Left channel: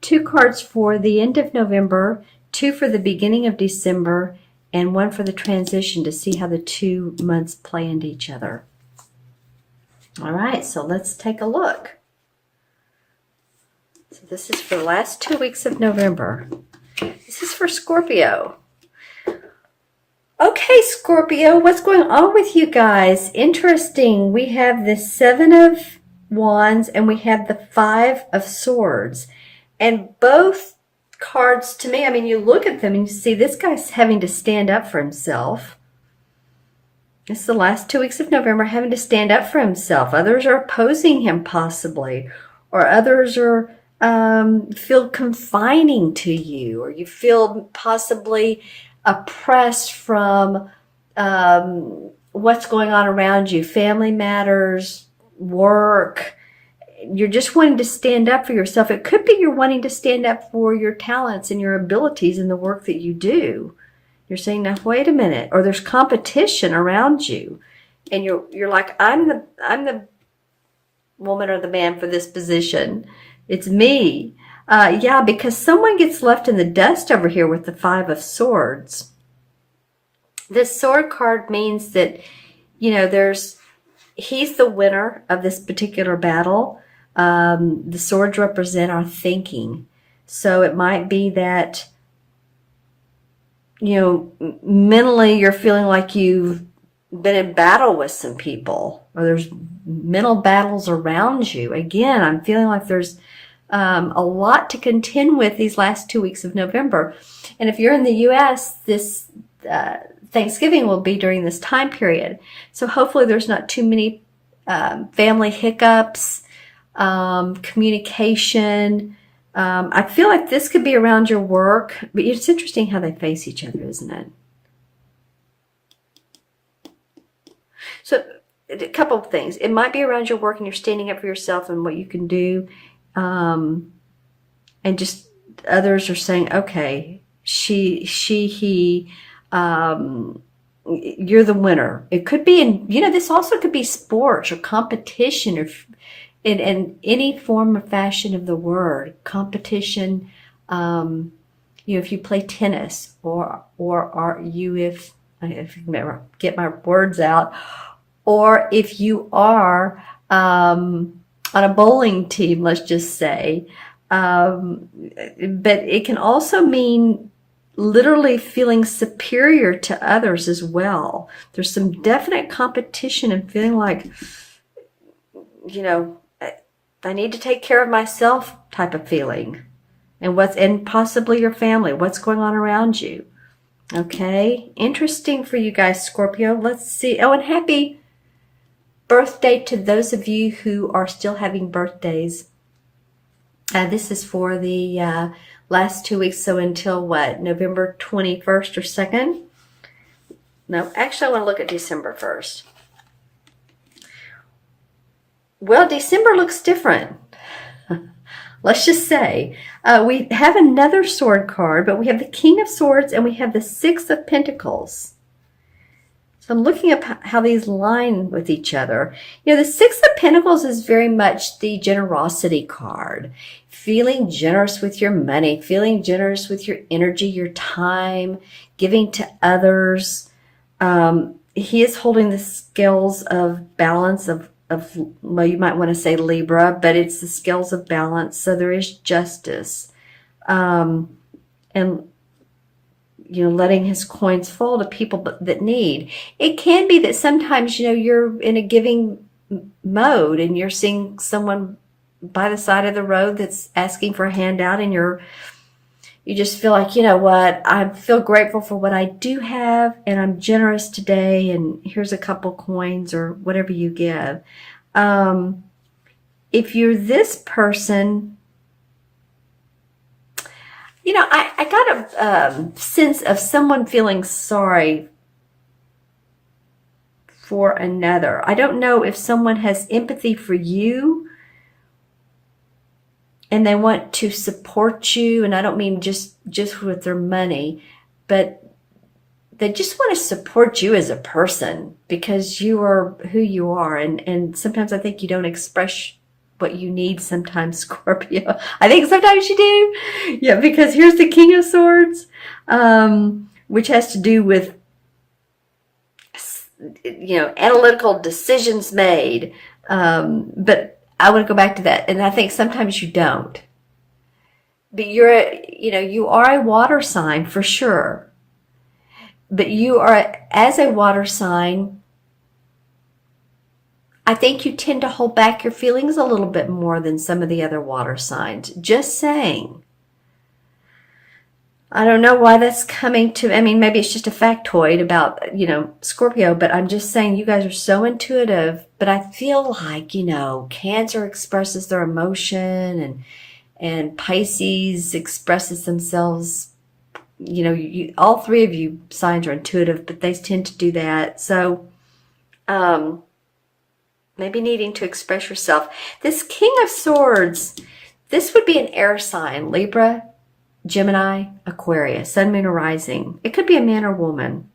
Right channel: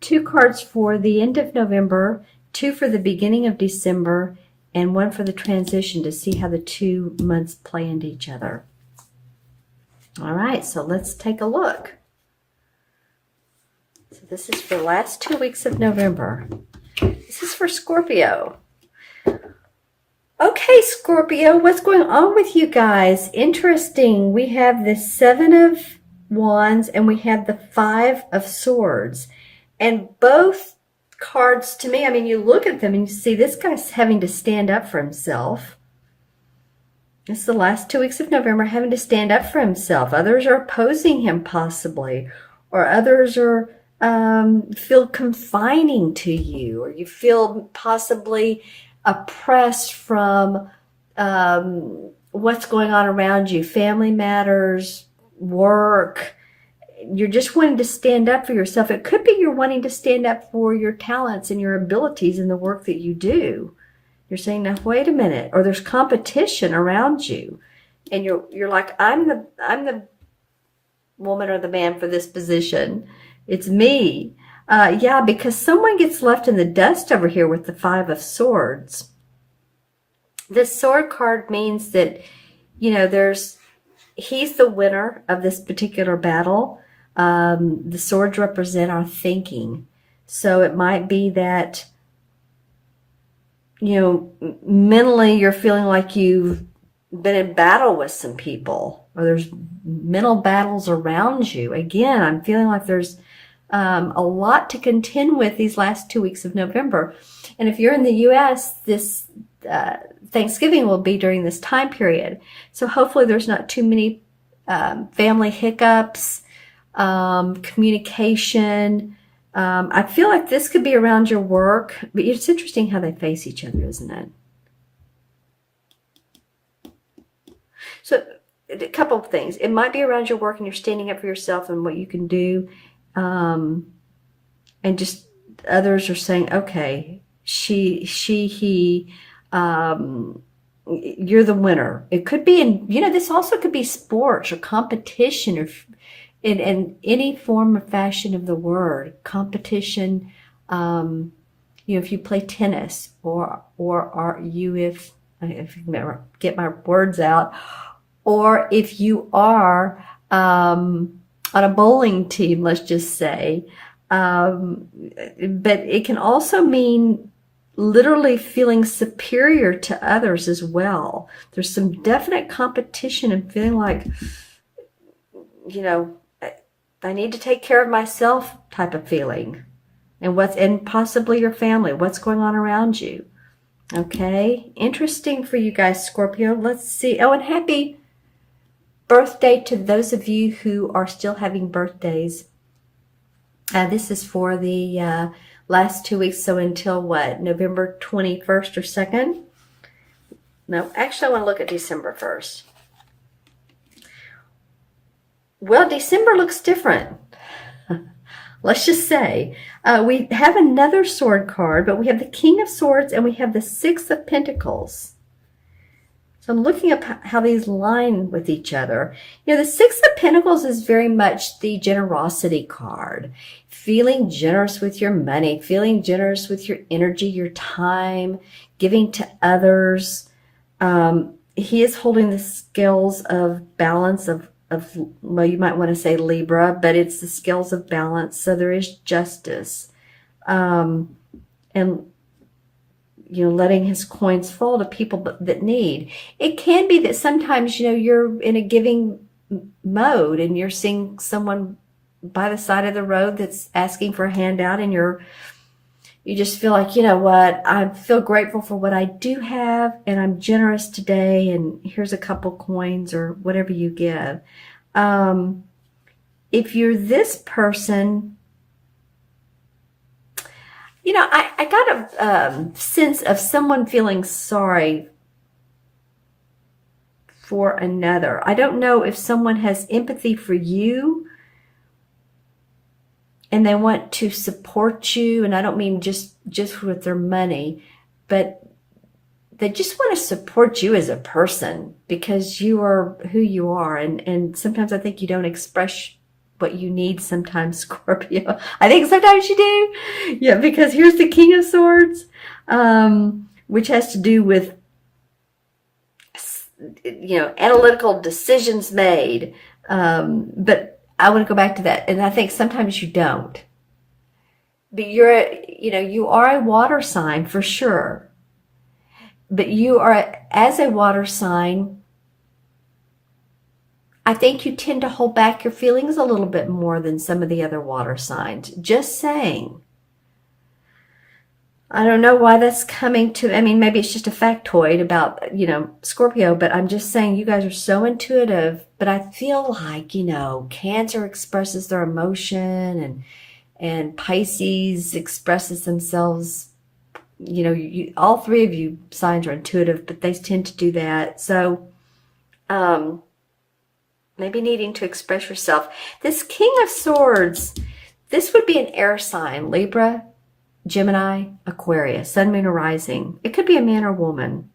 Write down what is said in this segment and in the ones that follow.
2 cards for the end of November, 2 for the beginning of December, and 1 for the transition to see how the 2 months play into each other. All right, so let's take a look. So this is for the last 2 weeks of November. This is for Scorpio. Okay, Scorpio, what's going on with you guys? Interesting. We have the 7 of Wands and we have the 5 of Swords. And both cards, to me, I mean, you look at them and you see this guy's having to stand up for himself. It's the last 2 weeks of November, having to stand up for himself. Others are opposing him possibly, or others are feel confining to you, or you feel possibly oppressed from what's going on around you, family matters, work. You're just wanting to stand up for yourself. It could be you're wanting to stand up for your talents and your abilities in the work that you do. You're saying, now wait a minute, or there's competition around you, and you're like, I'm the woman or the man for this position. It's me. Yeah, because someone gets left in the dust over here with the 5 of Swords. This sword card means that, you know, he's the winner of this particular battle. The swords represent our thinking. So it might be that, you know, mentally you're feeling like you've been in battle with some people, or there's mental battles around you. Again, I'm feeling like there's a lot to contend with these last 2 weeks of November. And if you're in the U.S., this Thanksgiving will be during this time period. So hopefully there's not too many family hiccups, communication. I feel like this could be around your work, but it's interesting how they face each other, isn't it? So a couple of things. It might be around your work and you're standing up for yourself and what you can do. And just others are saying, okay, he, you're the winner. It could be this also could be sports or competition, or in any form or fashion of the word, competition. If you play tennis, or are you, if I can get my words out, or if you are, on a bowling team, let's just say, but it can also mean literally feeling superior to others as well. There's some definite competition and feeling like, you know, I need to take care of myself type of feeling. And possibly your family, what's going on around you. Okay, interesting for you guys, Scorpio. Let's see. Oh, and happy birthday to those of you who are still having birthdays. This is for the last 2 weeks, so until what, November 21st or 2nd? No, actually I want to look at December 1st. Well, December looks different. Let's just say we have another sword card, but we have the King of Swords and we have the 6 of Pentacles. So I'm looking at how these line with each other. You know, the 6 of Pentacles is very much the generosity card. Feeling generous with your money, feeling generous with your energy, your time, giving to others. He is holding the scales of balance of, well, you might want to say Libra, but it's the scales of balance. So there is justice. And letting his coins fall to people that need. It can be that sometimes, you're in a giving mode and you're seeing someone by the side of the road that's asking for a handout, and you just feel like, you know what, I feel grateful for what I do have and I'm generous today, and here's a couple coins or whatever you give. If you're this person, I got a sense of someone feeling sorry for another. I don't know if someone has empathy for you and they want to support you, and I don't mean just with their money, but they just want to support you as a person because you are who you are. And sometimes I think you don't express what you need sometimes, Scorpio. I think sometimes you do. Yeah, because here's the King of Swords, which has to do with, analytical decisions made. But I want to go back to that. And I think sometimes you don't. But you are a water sign for sure. But you are, as a water sign, I think you tend to hold back your feelings a little bit more than some of the other water signs. Just saying. I don't know why that's coming to, maybe it's just a factoid about, Scorpio, but I'm just saying you guys are so intuitive. But I feel like, Cancer expresses their emotion and Pisces expresses themselves. All three of you signs are intuitive, but they tend to do that. So, maybe needing to express yourself. This King of Swords, this would be an air sign, Libra, Gemini, Aquarius, Sun, Moon, or Rising. It could be a man or woman.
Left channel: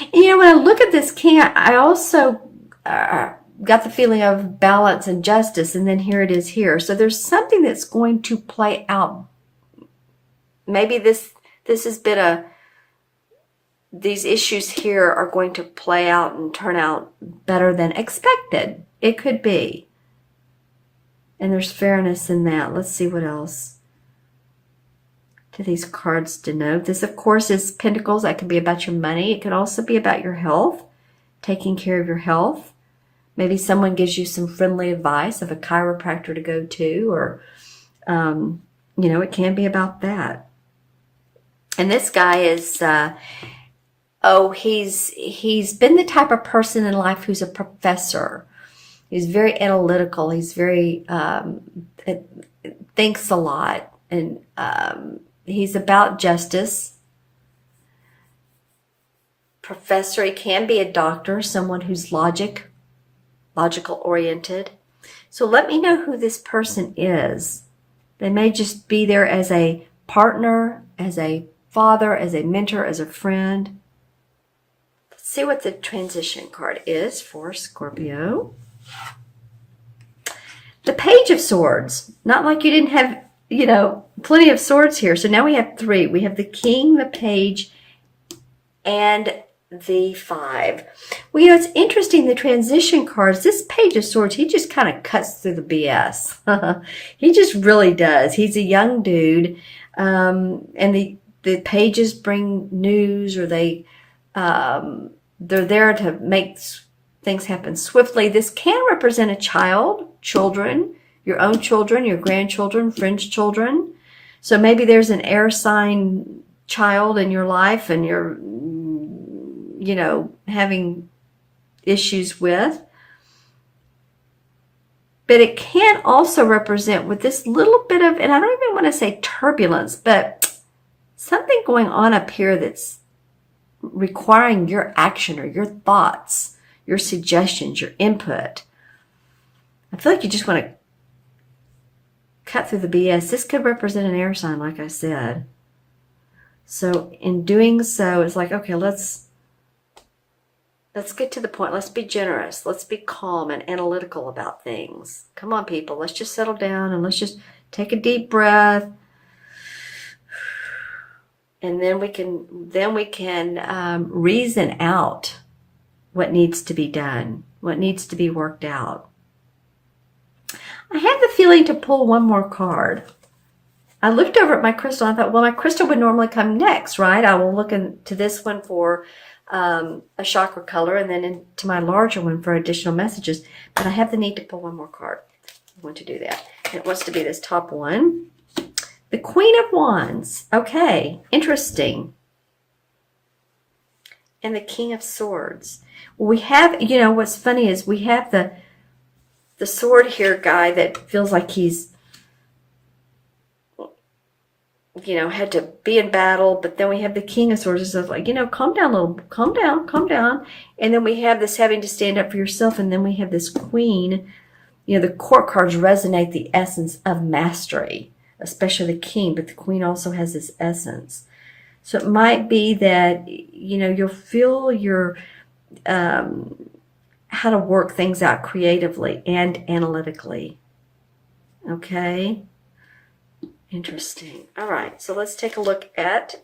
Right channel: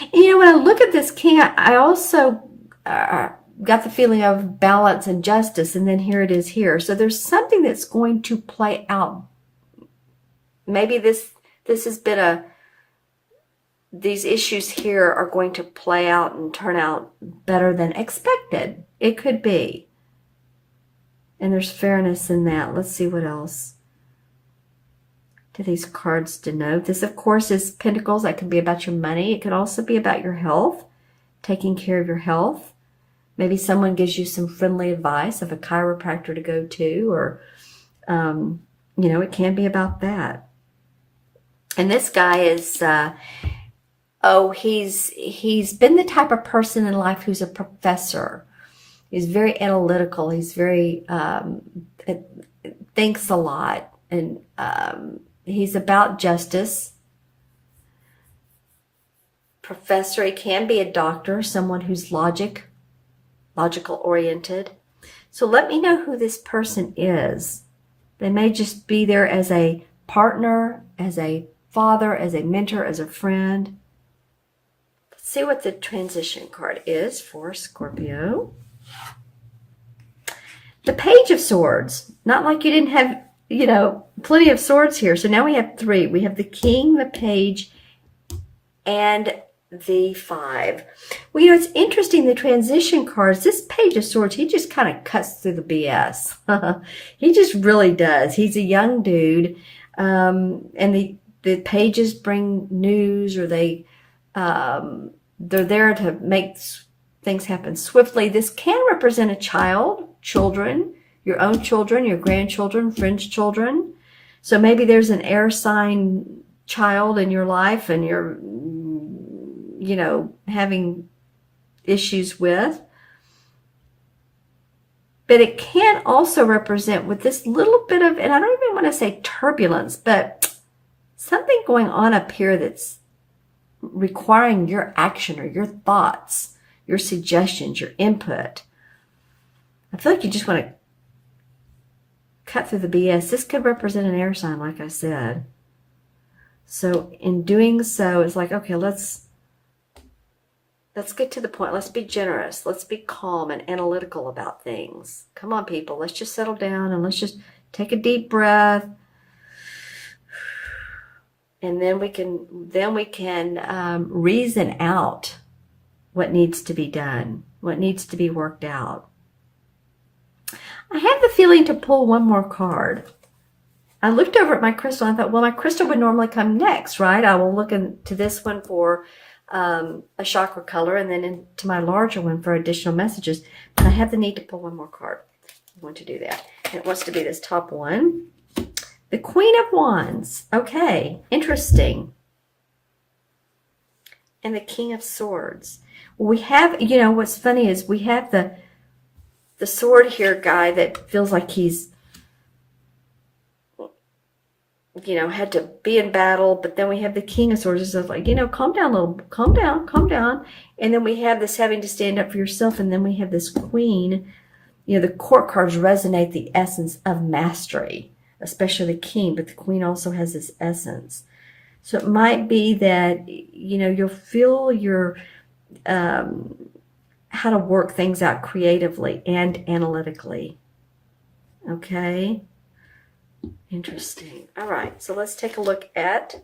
And when I look at this king, I also got the feeling of balance and justice, and then here it is here. So there's something that's going to play out. Maybe this has been these issues here are going to play out and turn out better than expected. It could be. And there's fairness in that. Let's see what else do these cards denote. This, of course, is Pentacles. That could be about your money. It could also be about your health, taking care of your health. Maybe someone gives you some friendly advice of a chiropractor to go to, or, it can be about that. And this guy is, he's been the type of person in life who's a professor. He's very analytical. He's very, thinks a lot. And he's about justice. Professor, he can be a doctor, someone who's logical oriented. So let me know who this person is. They may just be there as a partner, as a father, as a mentor, as a friend. Let's see what the transition card is for Scorpio. The Page of Swords. Not like you didn't have, plenty of swords here. So now we have three. We have the King, the Page, and the 5. Well, it's interesting, the transition cards, this Page of Swords, he just kind of cuts through the BS. He just really does. He's a young dude. And the pages bring news, or they're there to make things happen swiftly. This can represent a child, children, your own children, your grandchildren, friends' children. So maybe there's an air sign child in your life and you're, having issues with. But it can also represent with this little bit of, and I don't even want to say turbulence, but something going on up here that's requiring your action or your thoughts, your suggestions, your input. I feel like you just want to cut through the BS. This could represent an air sign, like I said. So in doing so, it's like, okay, let's get to the point. Let's be generous. Let's be calm and analytical about things. Come on, people. Let's just settle down and let's just take a deep breath. And then we can reason out what needs to be done, what needs to be worked out. I have the feeling to pull one more card. I looked over at my crystal. I thought, well, my crystal would normally come next, right? I will look into this one for a chakra color, and then into my larger one for additional messages. But I have the need to pull one more card. I want to do that. And it wants to be this top one. The Queen of Wands. Okay, interesting. And the King of Swords. Well, we have, what's funny is we have the sword here guy that feels like he's, had to be in battle. But then we have the King of Swords and stuff like, calm down a little, calm down. And then we have this having to stand up for yourself. And then we have this Queen. The court cards resonate the essence of mastery, especially the King, but the Queen also has this essence. So it might be that, you'll feel your how to work things out creatively and analytically. Okay. Interesting. All right. So let's take a look at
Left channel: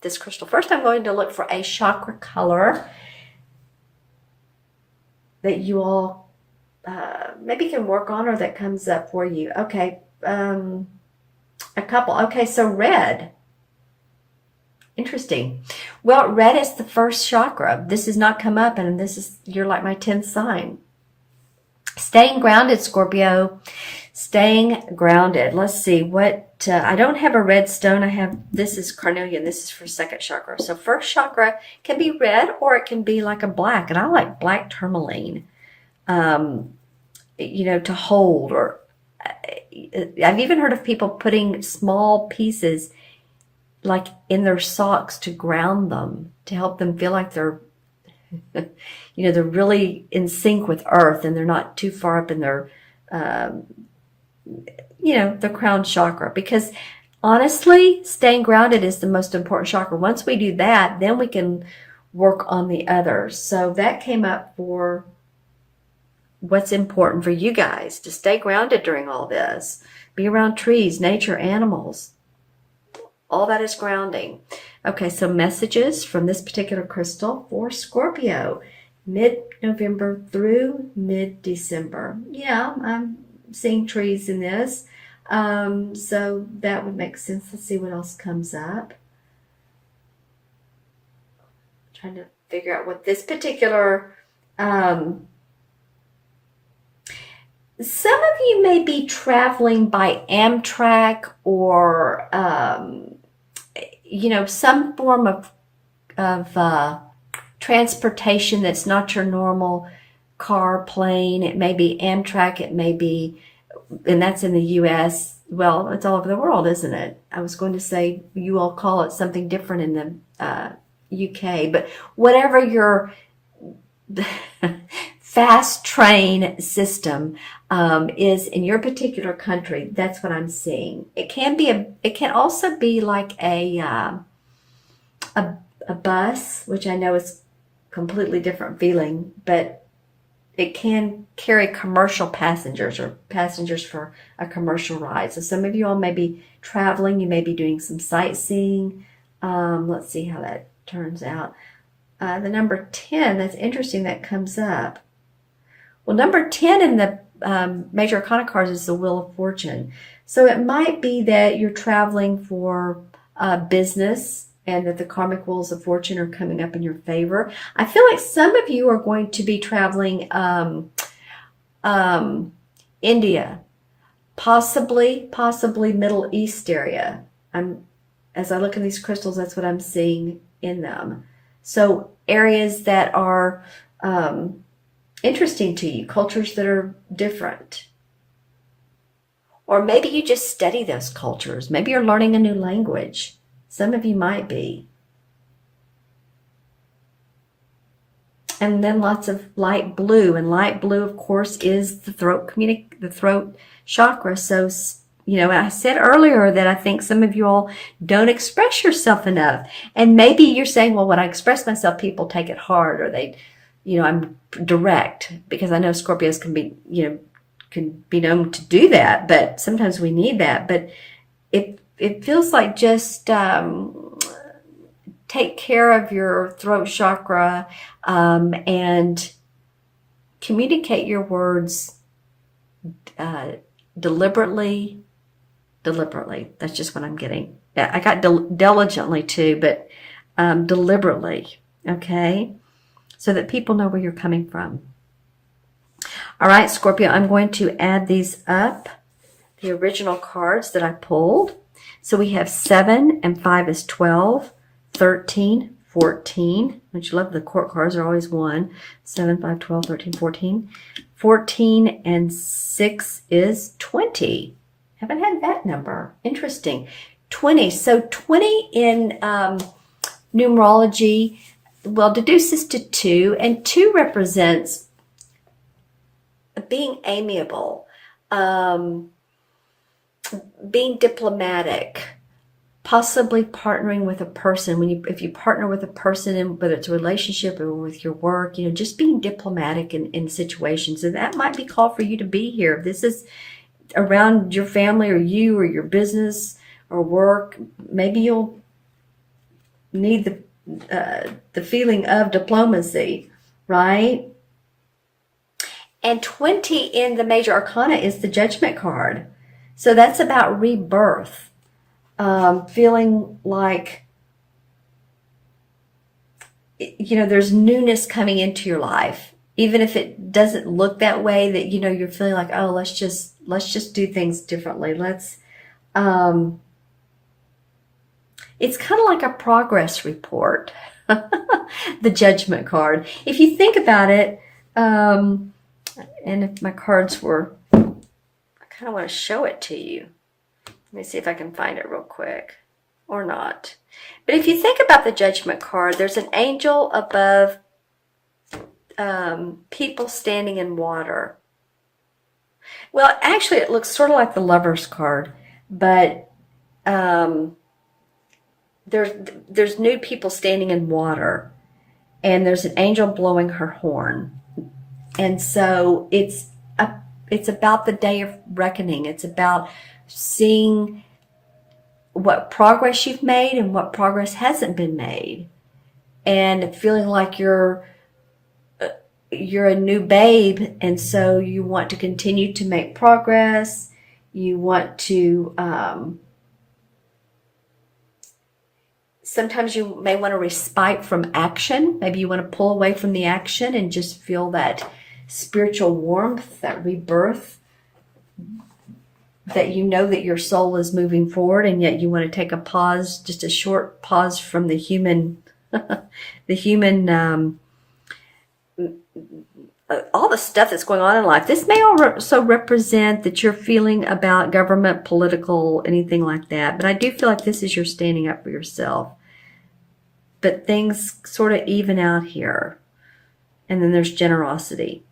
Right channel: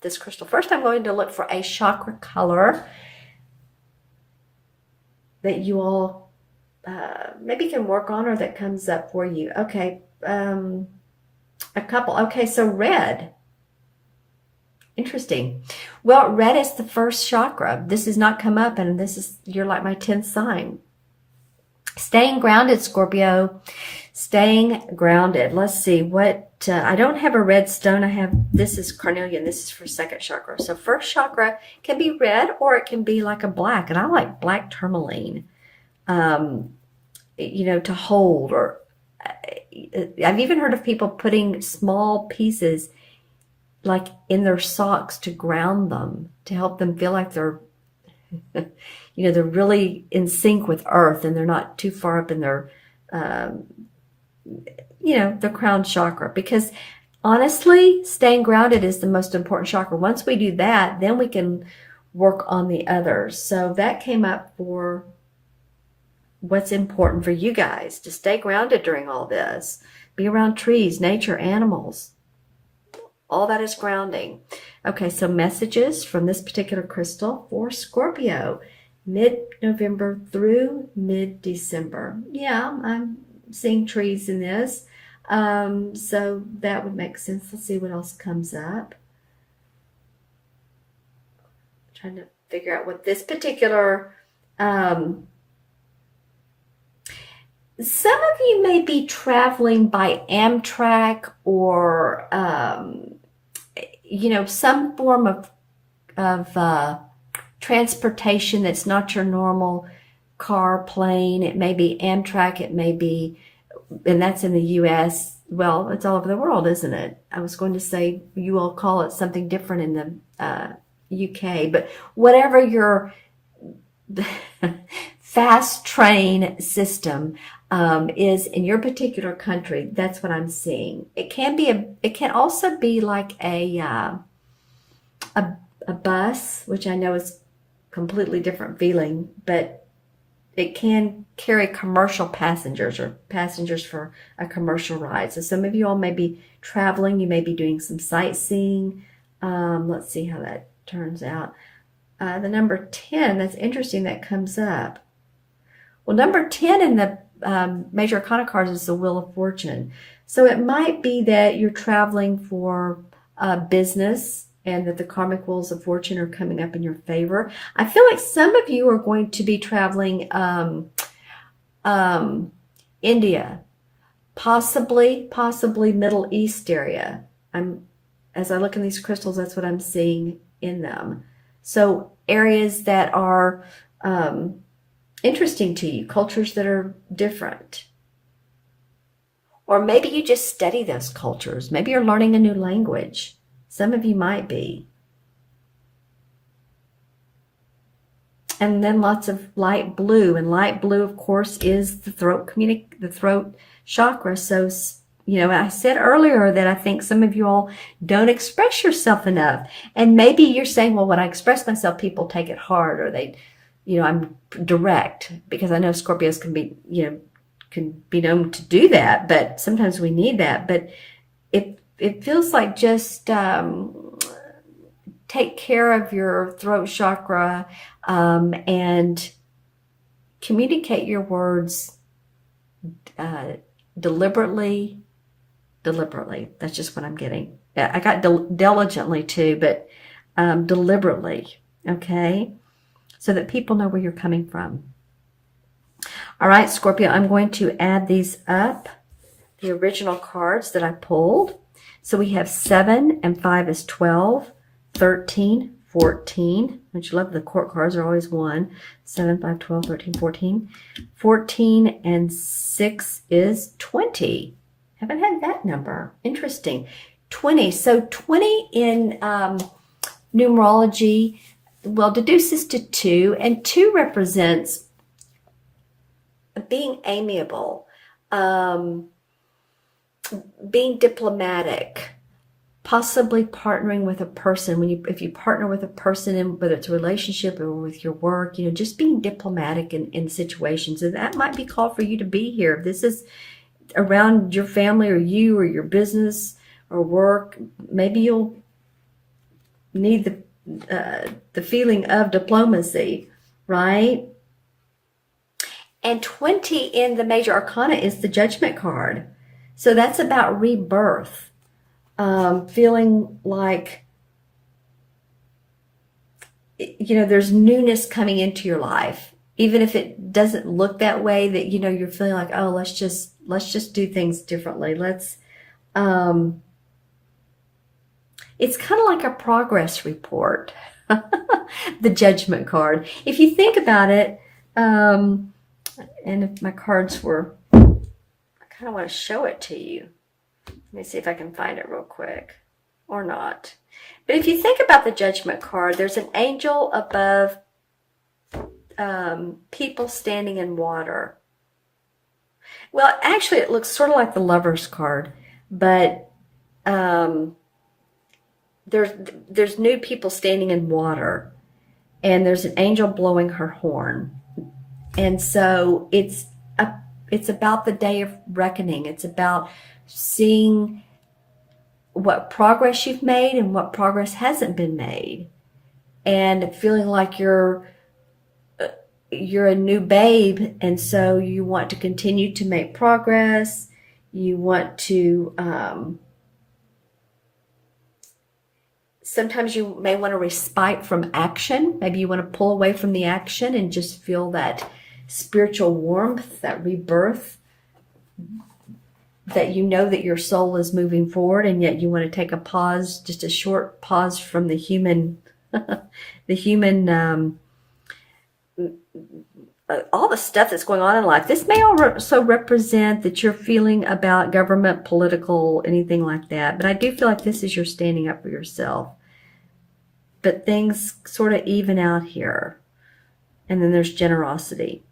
this crystal. First, I'm going to look for a chakra color that you all maybe can work on or that comes up for you. Okay. A couple. Okay. So red. Interesting. Well, red is the first chakra. This has not come up, and you're like my 10th sign. Staying grounded, Scorpio. Staying grounded. Let's see what, I don't have a red stone. This is carnelian. This is for second chakra. So first chakra can be red or it can be like a black. And I like black tourmaline, to hold. Or I've even heard of people putting small pieces like in their socks to ground them, to help them feel like they're, they're really in sync with earth and they're not too far up in their, the crown chakra. Because honestly, staying grounded is the most important chakra. Once we do that, then we can work on the others. So that came up for what's important for you guys, to stay grounded during all this. Be around trees, nature, animals. All that is grounding. Okay, so messages from this particular crystal for Scorpio, mid-November through mid-December. Yeah, I'm seeing trees in this. So that would make sense. Let's see what else comes up. I'm trying to figure out what this particular... some of you may be traveling by Amtrak or... some form of transportation that's not your normal car, plane. It may be Amtrak, it may be, and that's in the U.S. Well, it's all over the world, isn't it? I was going to say you all call it something different in the UK, but whatever your fast train system is in your particular country, that's what I'm seeing. It can also be like a bus, which I know is completely different feeling, but it can carry commercial passengers or passengers for a commercial ride. So some of you all may be traveling, you may be doing some sightseeing. Let's see how that turns out. The number 10, that's interesting, that comes up. Well, number 10 in the major arcana cards is the Wheel of Fortune. So it might be that you're traveling for business and that the karmic wheels of fortune are coming up in your favor. I feel like some of you are going to be traveling India, possibly Middle East area. As I look at these crystals, that's what I'm seeing in them. So areas that are interesting to you, cultures that are different. Or maybe you just study those cultures. Maybe you're learning a new language. Some of you might be. And then lots of light blue. And light blue, of course, is the throat chakra. So, I said earlier that I think some of you all don't express yourself enough. And maybe you're saying, well, when I express myself, people take it hard, or I'm direct, because I know Scorpios can be known to do that, but sometimes we need that. But it feels like just take care of your throat chakra and communicate your words deliberately. That's just what I'm getting. I got diligently too, but deliberately, okay? So that people know where you're coming from. All right, Scorpio, I'm going to add these up, the original cards that I pulled. So we have 7 and 5 is 12, 13, 14, which you love, the court cards are always 1, 7, 5, 12, 13, 14. 14 and 6 is 20. Haven't had that number. Interesting. 20. So 20 in numerology, well, deduces to 2, and 2 represents being amiable, being diplomatic, possibly partnering with a person. If you partner with a person, and whether it's a relationship or with your work, just being diplomatic in situations. And that might be called for you to be here. If this is around your family or you or your business or work, maybe you'll need the feeling of diplomacy, right? And 20 in the major arcana is the Judgment card. So that's about rebirth. Feeling like, there's newness coming into your life. Even if it doesn't look that way, that, you're feeling like, oh, let's just do things differently. It's kind of like a progress report, the Judgment card. If you think about it, and if my cards were, I kind of want to show it to you. Let me see if I can find it real quick, or not. But if you think about the Judgment card, there's an angel above people standing in water. Well, actually, it looks sort of like the Lover's card, but there's new people standing in water, and there's an angel blowing her horn. And so it's about the day of reckoning. It's about seeing what progress you've made and what progress hasn't been made, and feeling like you're a new babe, and so you want to continue to make progress. You want to sometimes you may want to respite from action. Maybe you want to pull away from the action and just feel that spiritual warmth, that rebirth, that that your soul is moving forward, and yet you want to take a pause, just a short pause from the human, all the stuff that's going on in life. This may also represent that you're feeling about government, political, anything like that. But I do feel like this is your standing up for yourself. But things sort of even out here. And then there's generosity.